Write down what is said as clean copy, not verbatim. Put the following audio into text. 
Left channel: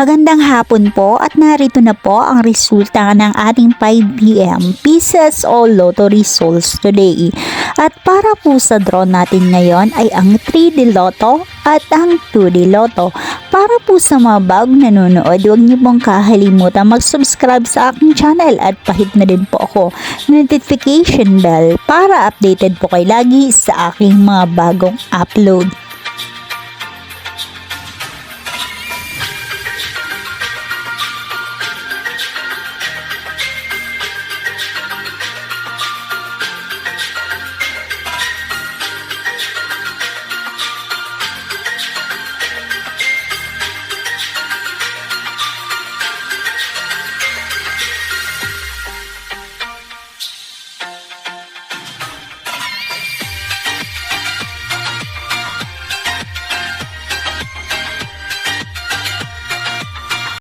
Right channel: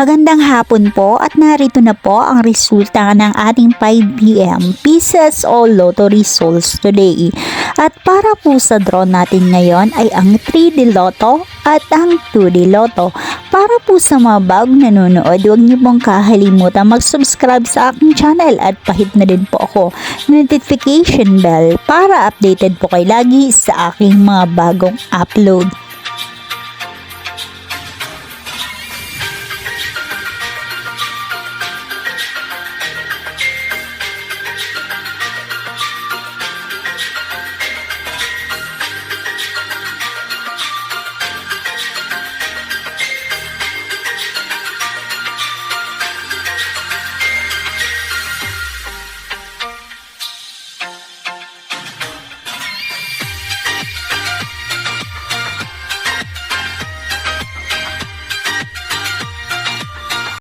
Magandang hapon po at narito na po ang resulta ng ating 5 p.m. Pieces o Lotto results today. At para po sa draw natin ngayon ay ang 3D Lotto at ang 2D Lotto. Para po sa mga bagong nanonood, huwag niyo pong kakalimutan mag-subscribe sa aking channel at pahit na din po ako notification bell para updated po kayo lagi sa aking mga bagong upload.